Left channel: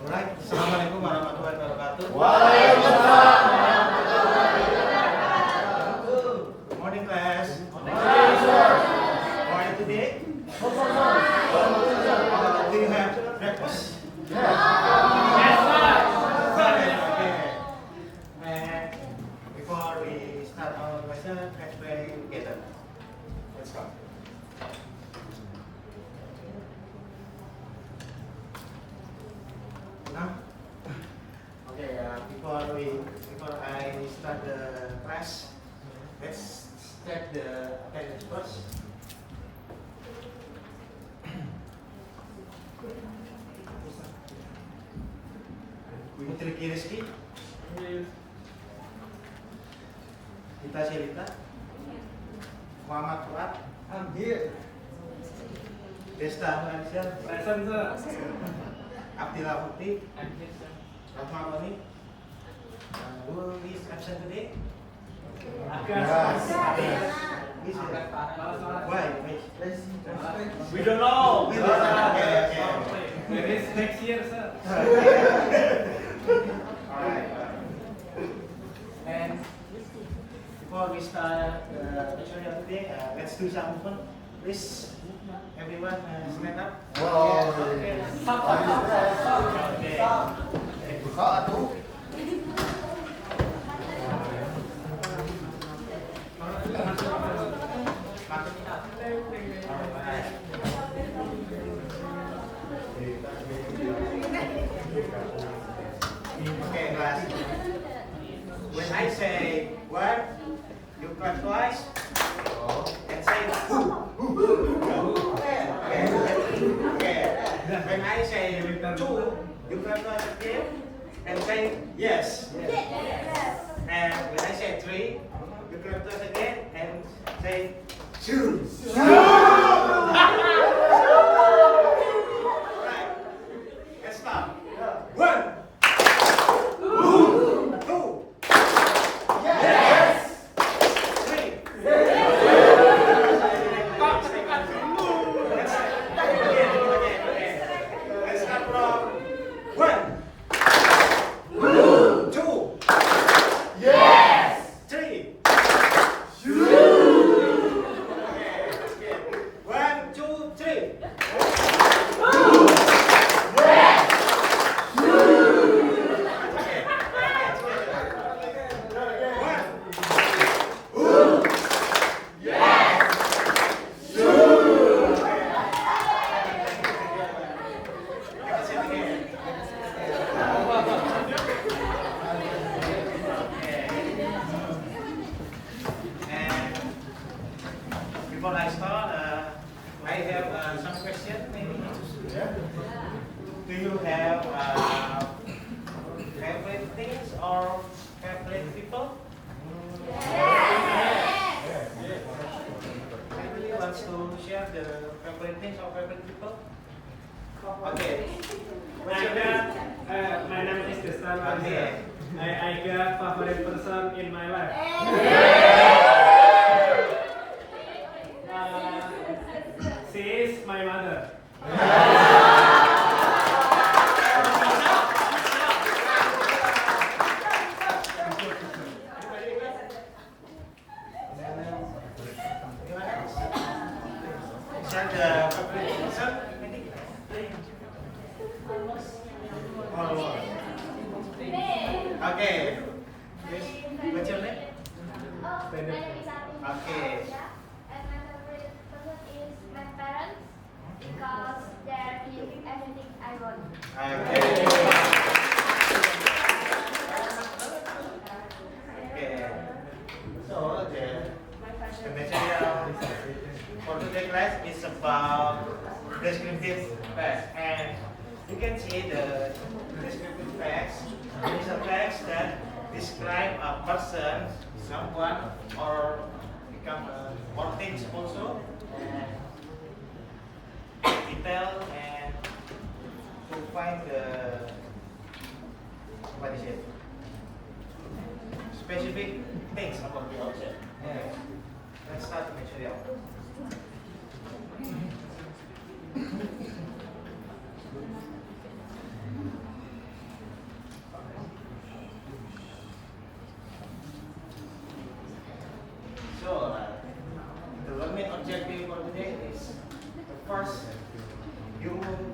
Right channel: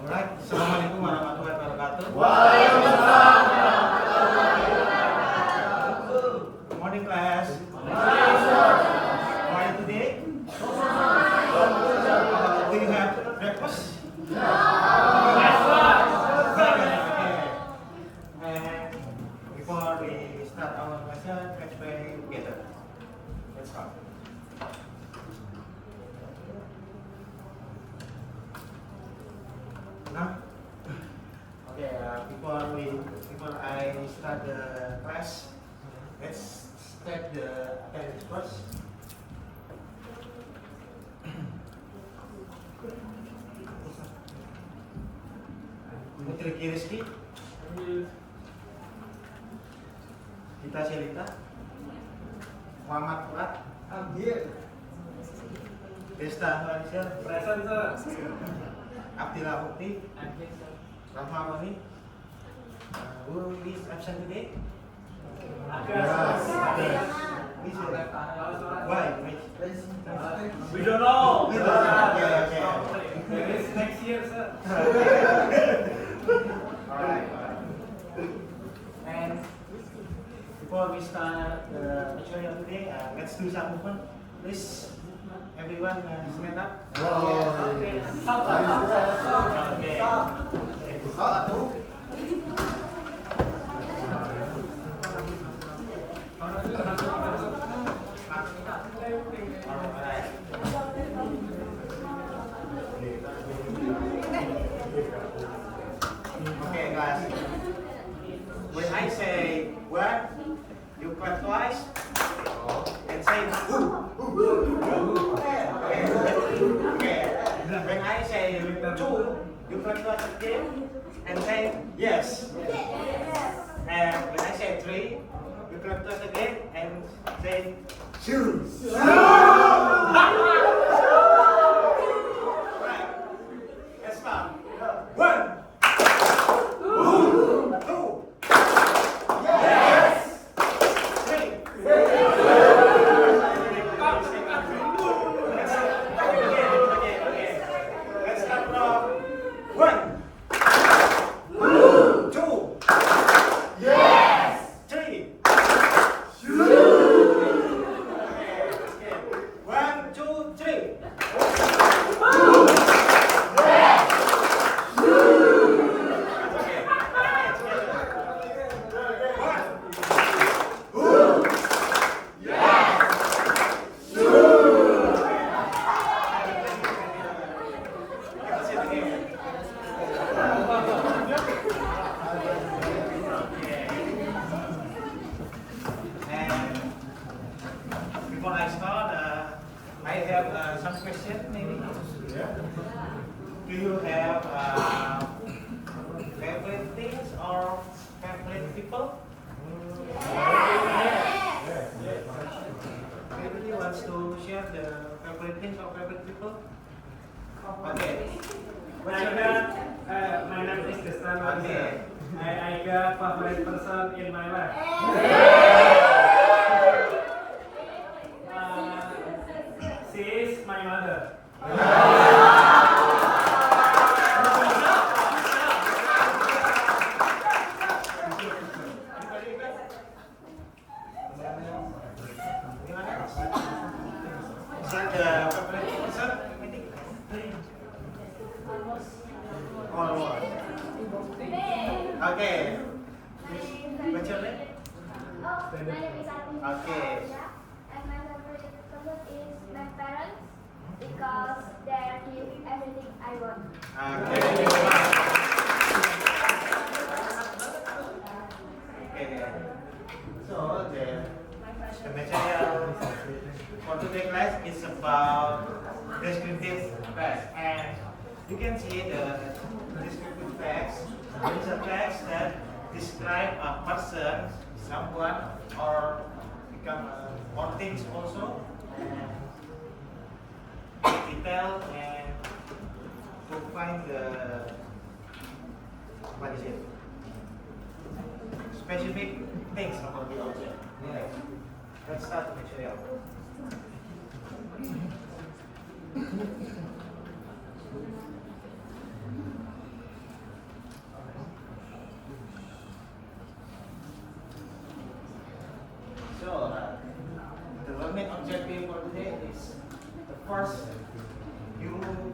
Alright, Assalamualaikum warahmatullahi wabarakatuh. Good morning, class. How are you today? Do you have breakfast? Yes, sir. Okay. And before we start our lesson, let's pray together. Let's go. Now, okay. Before I start the class, let's start the attendance first. Putri Kiriski, Gita Shelita, Muhammad Fuad, Desta Malaysia, Abdillah Mukti, Rahma Mani. Who is absent today? Why? We don't know. Okay. It is next year, sir. Alright. And before we start the lecture today, let's do some movement. Please, everyone stand up. Okay. Okay, guys. When I say one, you clap twice and say who. Okay. When I say two, you clap twice again and say yes. And when I say three, you clap twice again and say two. Right. Let's start. One. Two. Yes. Three. Let's start from one. Two. Yes. Three. Okay, let's get 1, 2, 3. Before I start, I have some questions maybe. Do you have favorite things or favorite people? Everybody wants to share the favorite things or favorite people? Okay. What's your name? My name is Destan. Okay. I got favorite person in my life. She is my mother. Share the favorite person? Okay. What's your name? My name is Ati. Okay. And my favorite person is my parents because they give everything I want. Okay. Okay. So the material for today's class is about descriptive facts, and you can see the descriptive facts. It is a fact that describe a person, someone, or become or things also. Detail and to find the what is it? Specific things about the object. Okay. Let's start the material.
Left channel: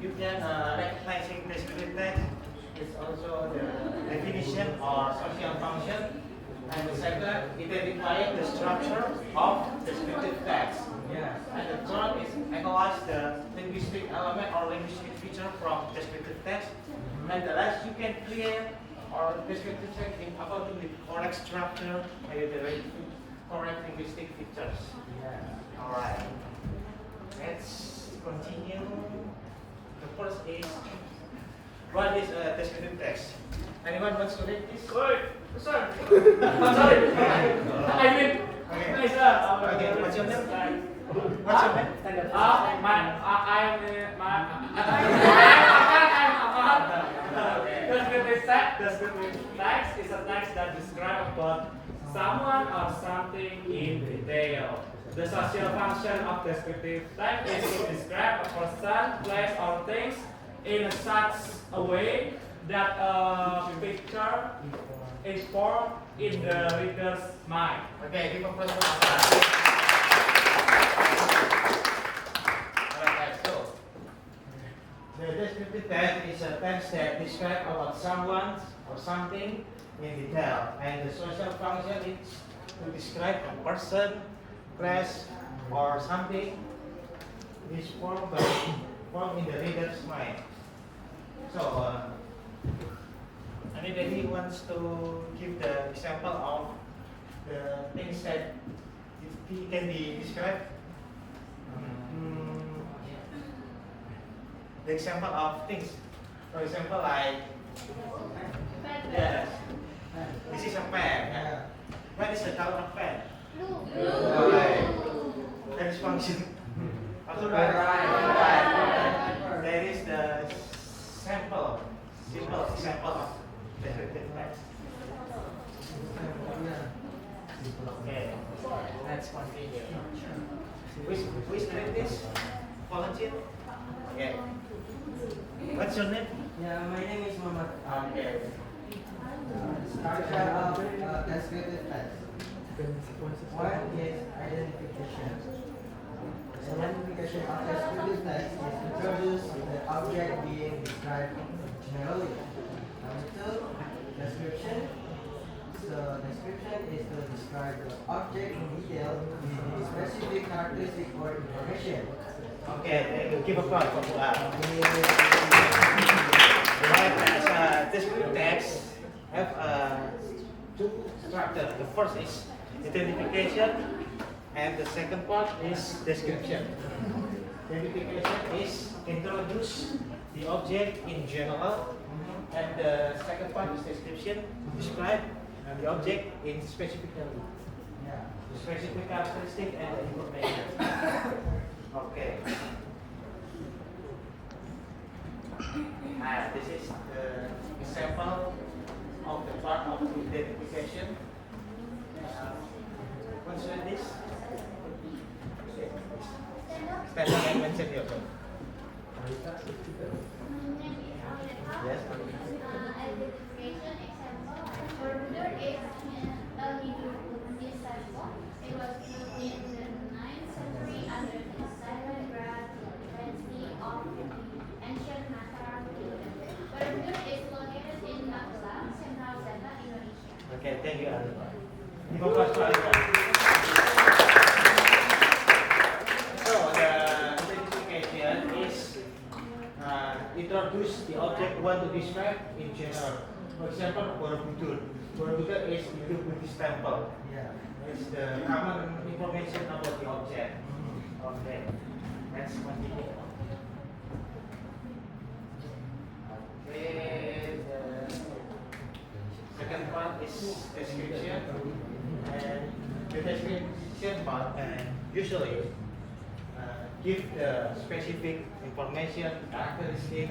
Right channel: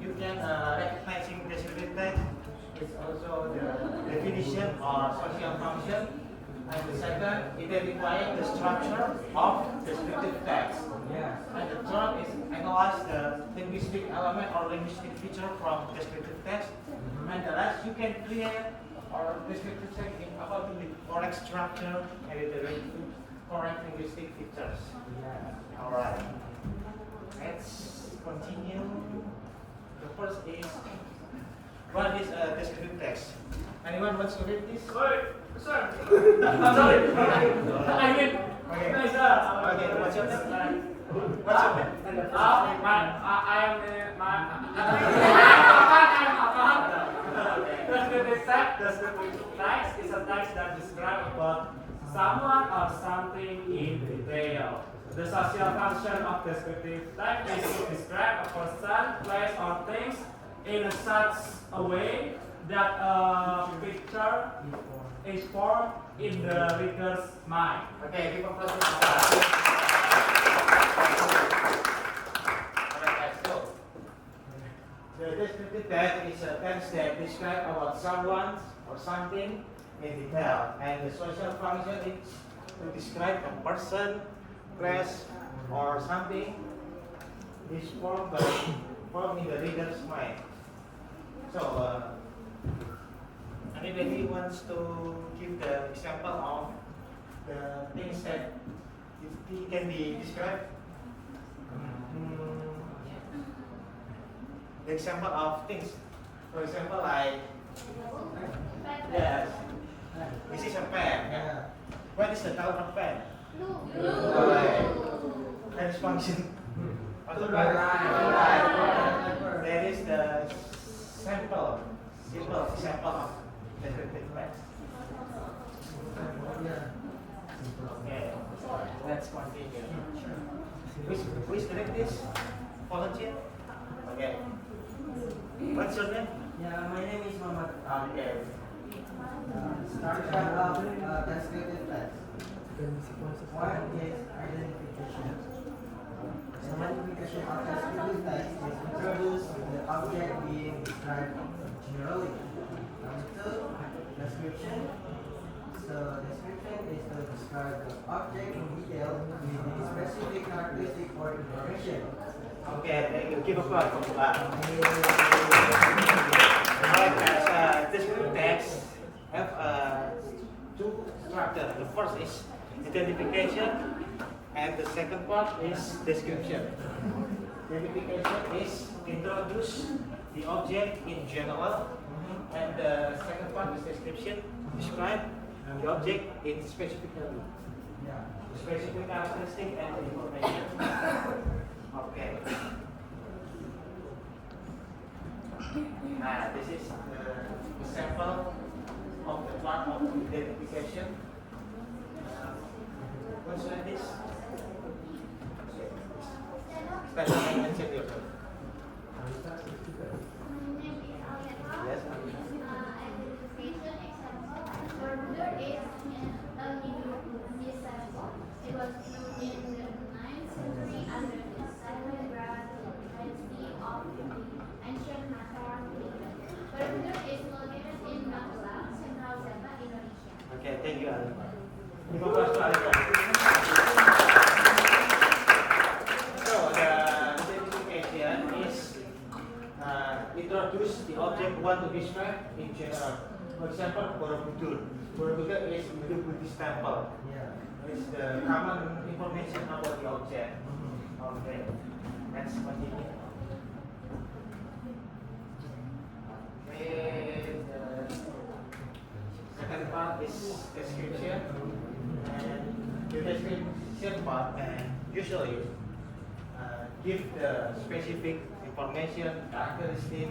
you can recognizing descriptive text is also the definition or social function. And the second, identifying the structure of descriptive text. Yeah. And the third is analyze the linguistic element or linguistic feature from descriptive text. And the last, you can create or descriptive text in according with correct structure and the correct linguistic features. Yeah. Alright. Let's continue. The first is what is a descriptive text? Anyone wants to read this? Oi, sir. I'm sorry. I mean, Okay. no, sir. Okay, what's your name? What's your name? Descriptive text is a text that describes about someone or something in detail. The social function of descriptive text is to describe a person, place, or things in such a way that a picture is formed in the reader's mind. Okay, give a person. Alright, so the descriptive text is a text that describes about someone or something in detail, and the social function is to describe a person, place, or something is formed in the reader's mind. So, anybody wants to give the example of the things that it can be described? The example of things. For example, like, yes, this is a pen. Yeah. What is the color of pen? Blue. Alright. That is function. Right. There is the simple example of descriptive text. Okay, let's continue. Who is doing this? Volunteer? Okay. What's your name? Yeah, my name is Muhammad. Okay. Structure of descriptive text. One is identification. The identification of descriptive text is introduced the object being described generally. Number two, description. So description is to describe the object in detail with specific characteristic or information. Okay, give a applause for that. Alright, descriptive text have two structures. The first is identification, and the second part is description. Identification is introduce the object in general, and the second part is description, describe the object in specifically. Specific characteristic and information. Okay. This is the example of the part of identification. What's with this? Stand up and mention yourself. Yes. Identification example. Bermuda is a Hindu example. It was built in the 9th century under the Sahyadra dynasty of ancient Mataram kingdom. Bermuda is located in Nampula, Central Java, Indonesia. Okay, thank you, Alima. Give a applause to Alima. So the identification is introduce the object we want to describe in general. For example, Borobudur. Borobudur is the Buddhist temple. It's the common information about the object. Okay, let's continue. Okay, the second part is description, and the description part usually give the specific information, characteristic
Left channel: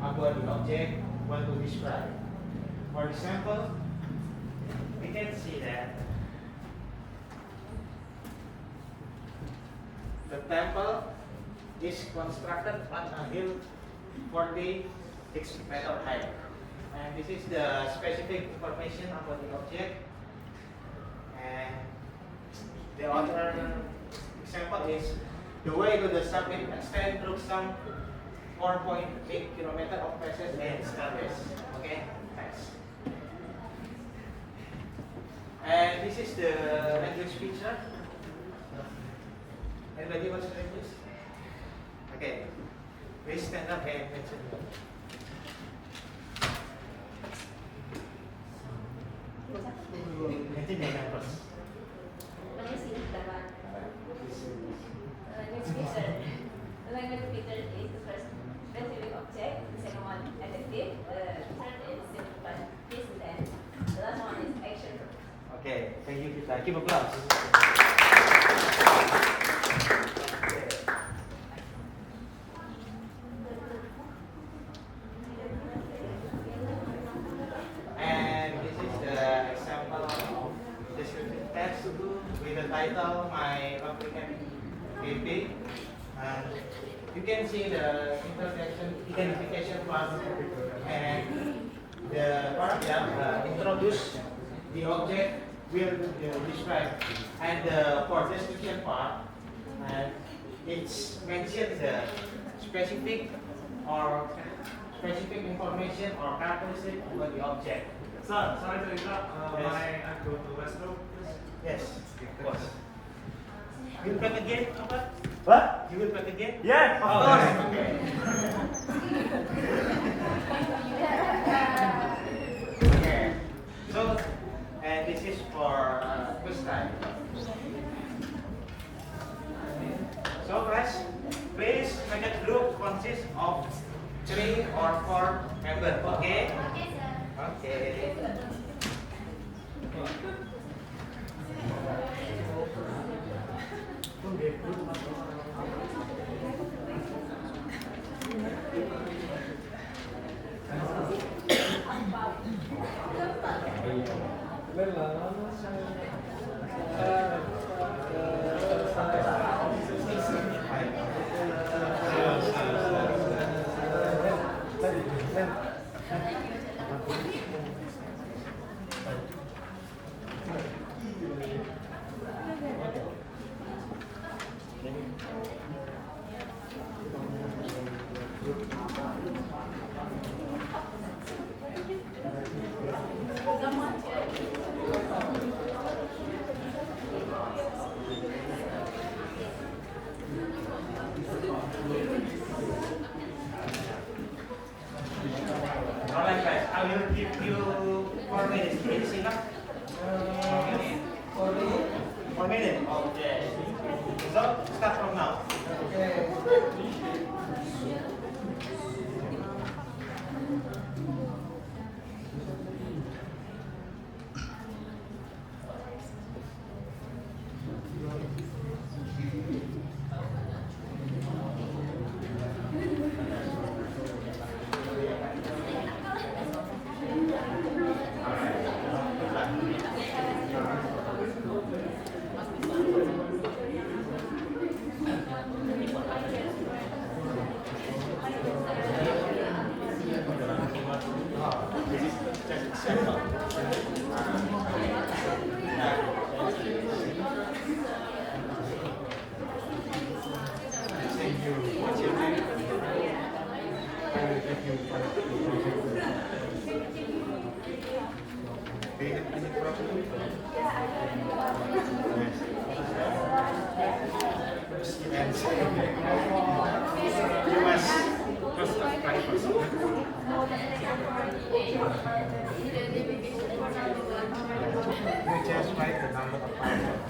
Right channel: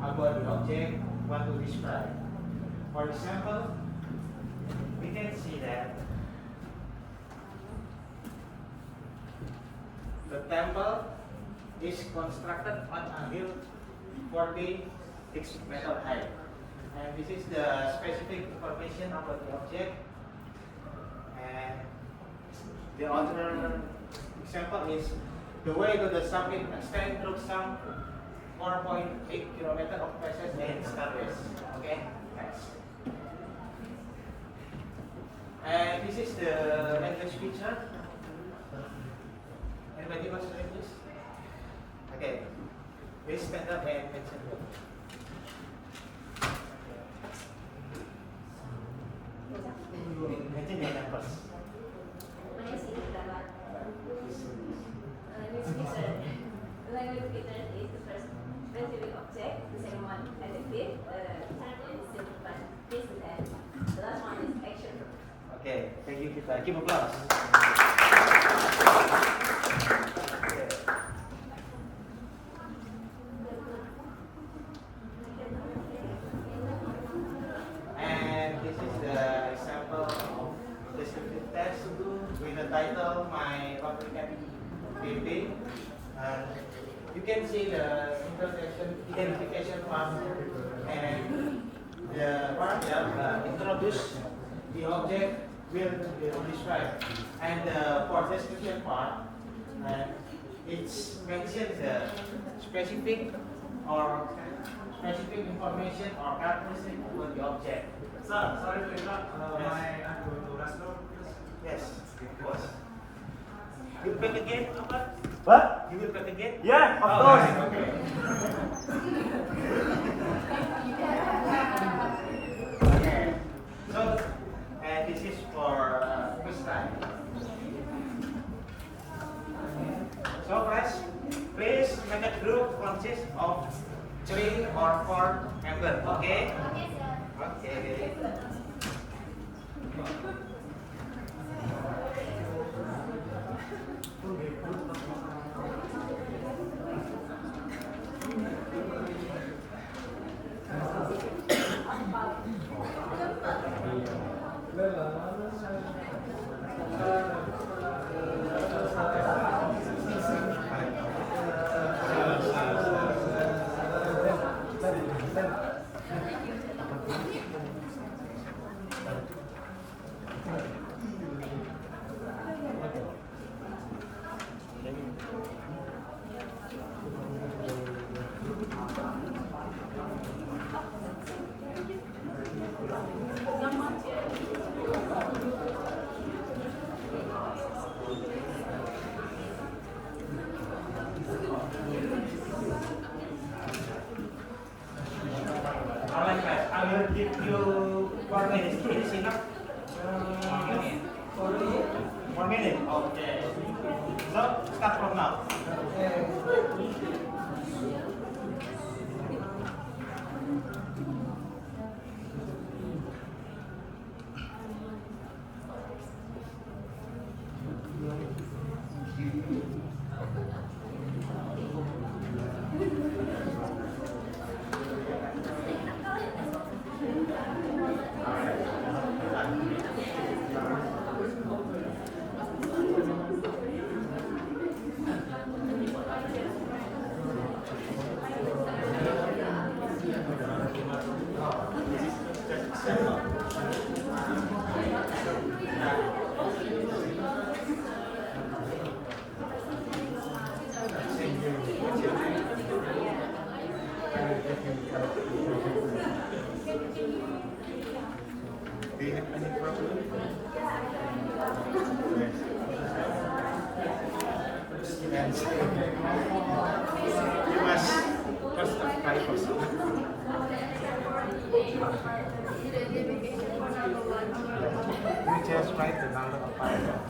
about the object want to describe. For example, we can see that the temple is constructed on a hill 46 meter high. And this is the specific information about the object. And the other example is the way to the summit extends through some 4.8 kilometers of passage and stairways. Okay, thanks. And this is the language feature. Anybody wants to read this? Okay, please stand up and mention it. Mention your name first. Language feature is the first specific object, the second one adjective, third is simplified this and the last one is action. Okay, thank you kita. Give applause. Okay. And this is the example of descriptive text with the title My Applicant PP. And you can see the introduction, identification part, and the paragraph introduce the object will describe, and for description part, it's mentioned the specific information or characteristic about the object. Sir, sorry to interrupt. Yes. May I go to restroom? Yes, of course. You will back again, Robert? What? You will back again? Yeah, of Oh, course. okay. Okay. So, and this is for quiz time. So, guys, please make a group consists of 3 or 4 members. Okay? Okay, sir. Okay. Alright, guys, I will give you 4 minutes. Is it enough? 4 minutes? Okay. So, start from now. This is just example. Do you have any problem? Yes. Students. You must first try first. You just write the number of paragraph.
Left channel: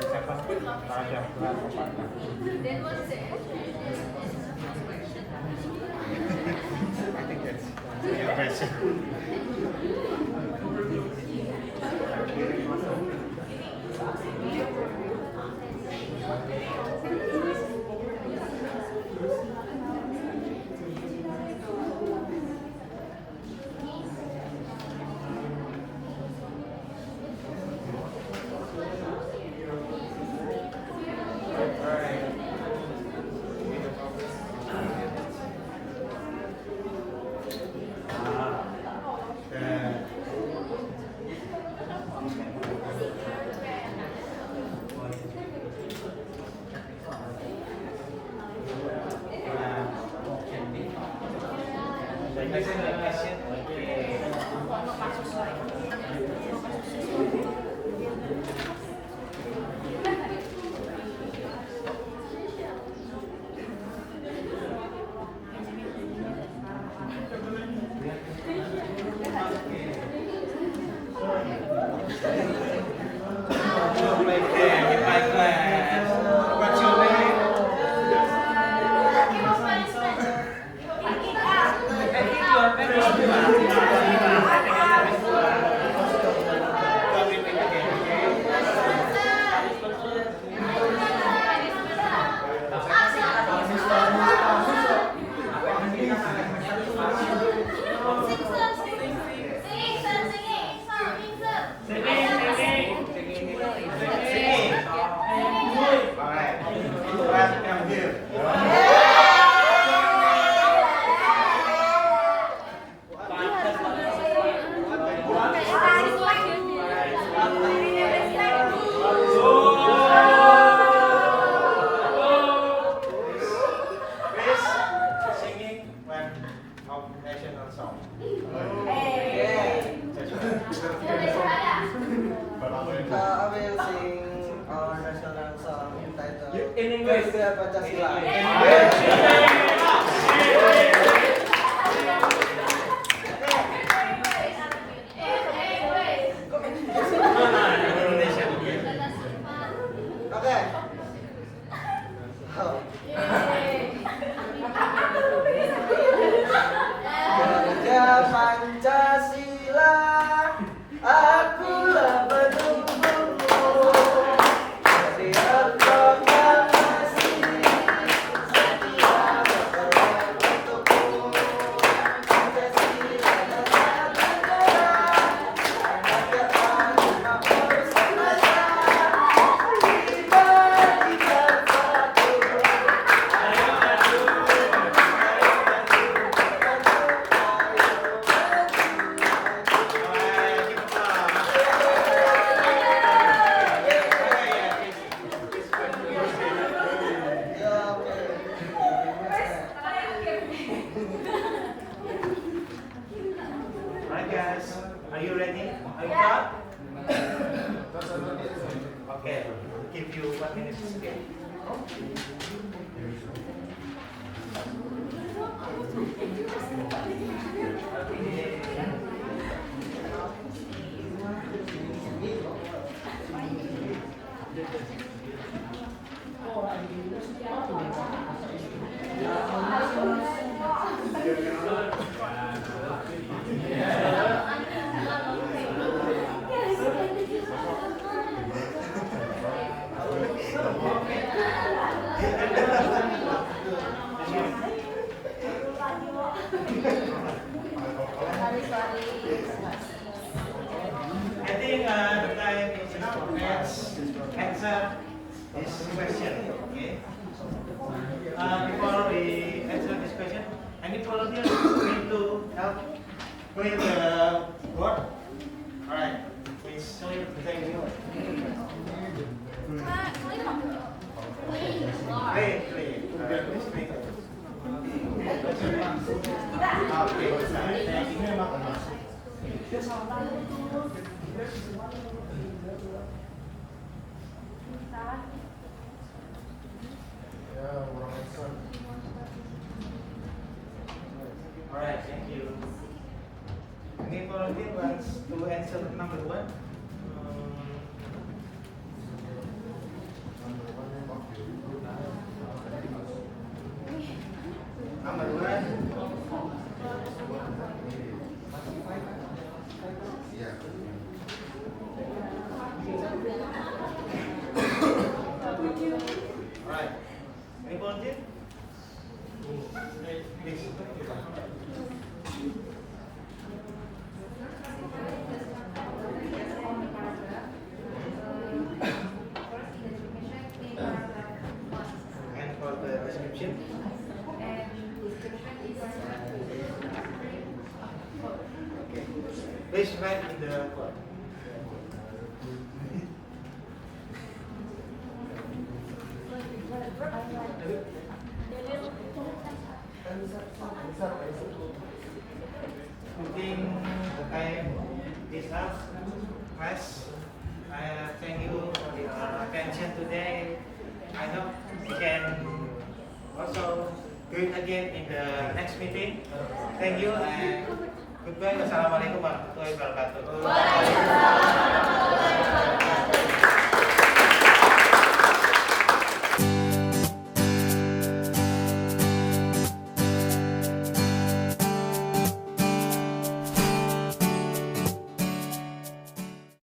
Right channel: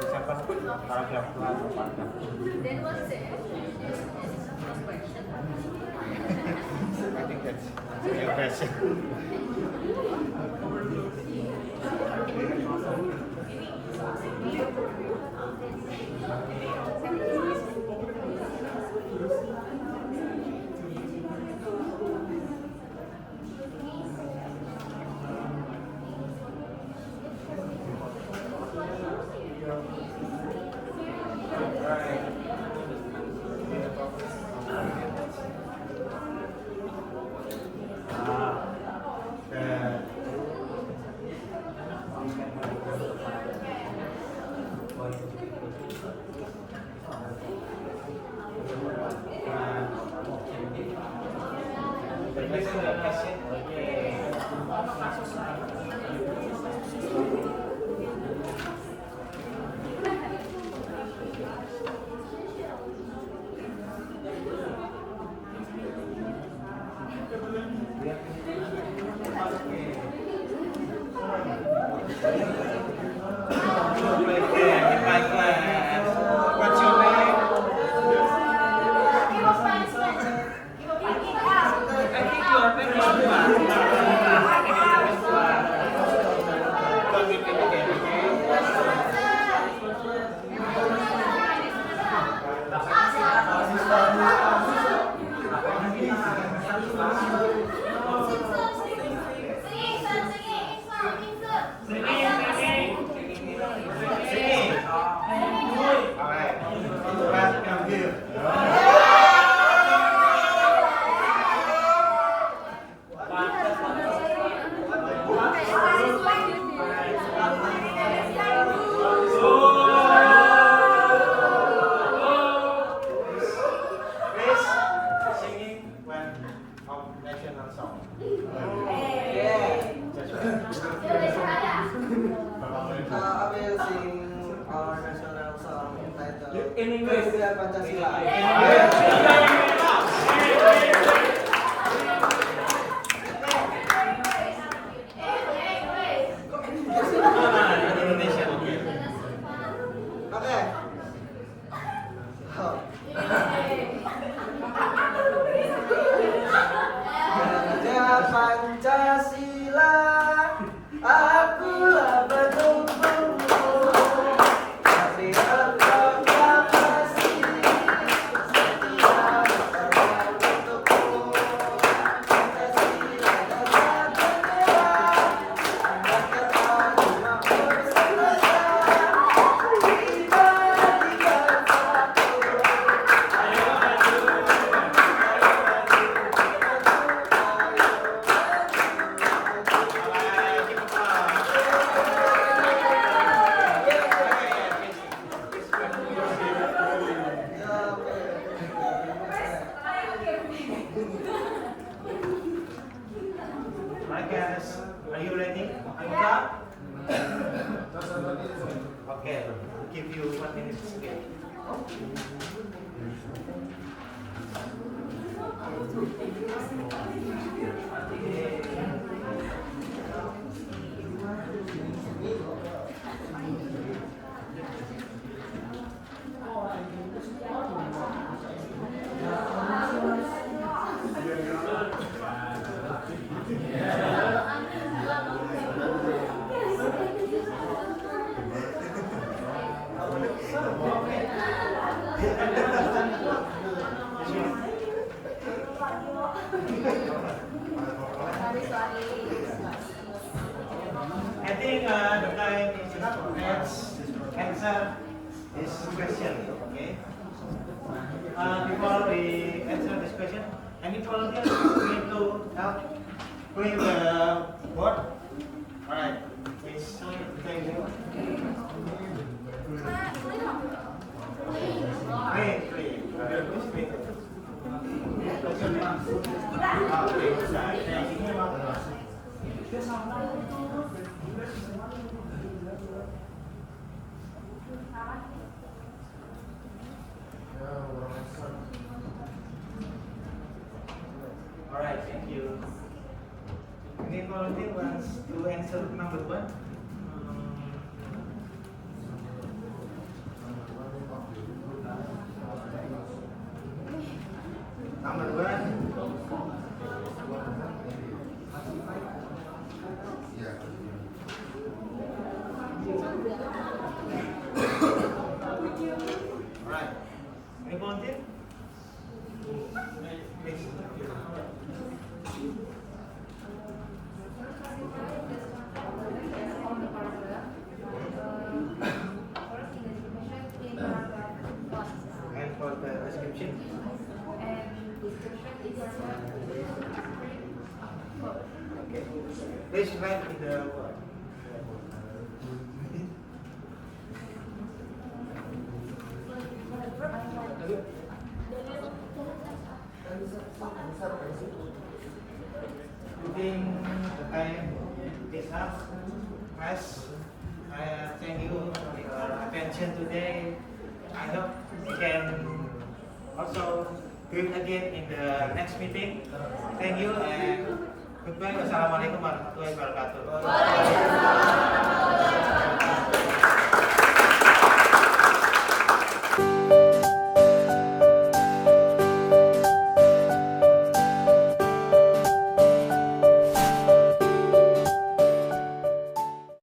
For example, paragraph 1 or paragraph 2. Then what's the I think that's your question. Special education. Okay. What's your name? Singing. Alright. Welcome you. Please singing one of national song. I will sing our national song entitled In English. Garuda Pancasila. Indonesia. Okay. Oh. Garuda Pancasila, akulah penunggumu. Dari proklamasi, setia berkorban untukmu. Pancasila dan bendera, rakyat Papua bersama. Kita satu. Alright, keep it up. Ya, oke. Alright guys, are you ready? Are you done? Okay, we'll give you 1 minute to speak. I think the time is enough. Let's answer this question. Okay. Before we answer this question, any volunteer need to help clear the board? Alright. Please thank you. Clean. Please clean. What's your name? Okay. Thank you. Alright, thank you. Any volunteer wants to answer number 1? Number 1. Alright. Any volunteer? Please. And for the description? Okay. Please write in the board. I think the time is up. Guys, I thank you for your attention today. I hope we can also do it again in the next meeting. Thank you and goodbye. Wassalamualaikum warahmatullahi wabarakatuh.